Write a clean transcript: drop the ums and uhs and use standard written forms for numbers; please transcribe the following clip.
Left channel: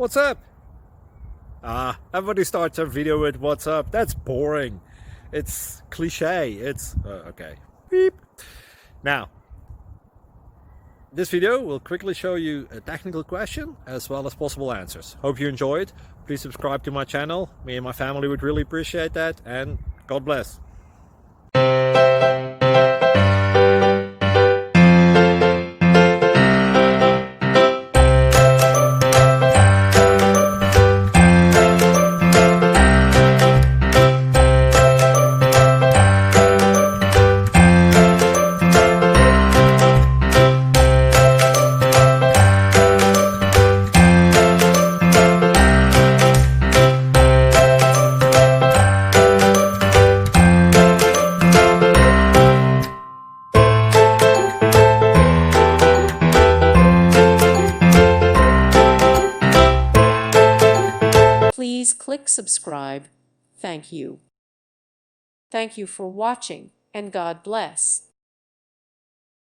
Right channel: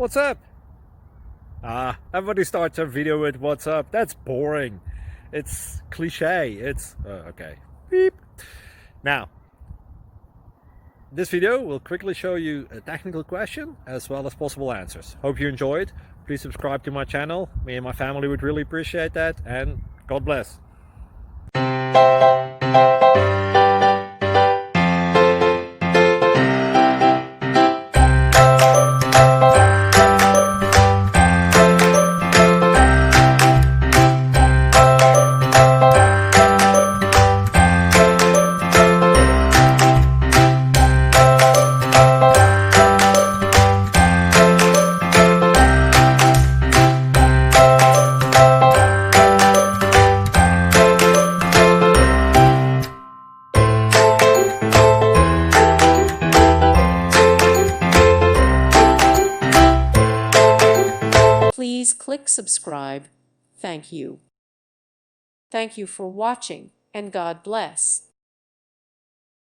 What's up? Everybody starts a video with what's up. That's boring. It's cliche. It's okay. Beep. Now, this video will quickly show you a technical question as well as possible answers. Hope you enjoyed. Please subscribe to my channel. Me and my family would really appreciate that, and God bless. Please click subscribe. Thank you. Thank you for watching, and God bless.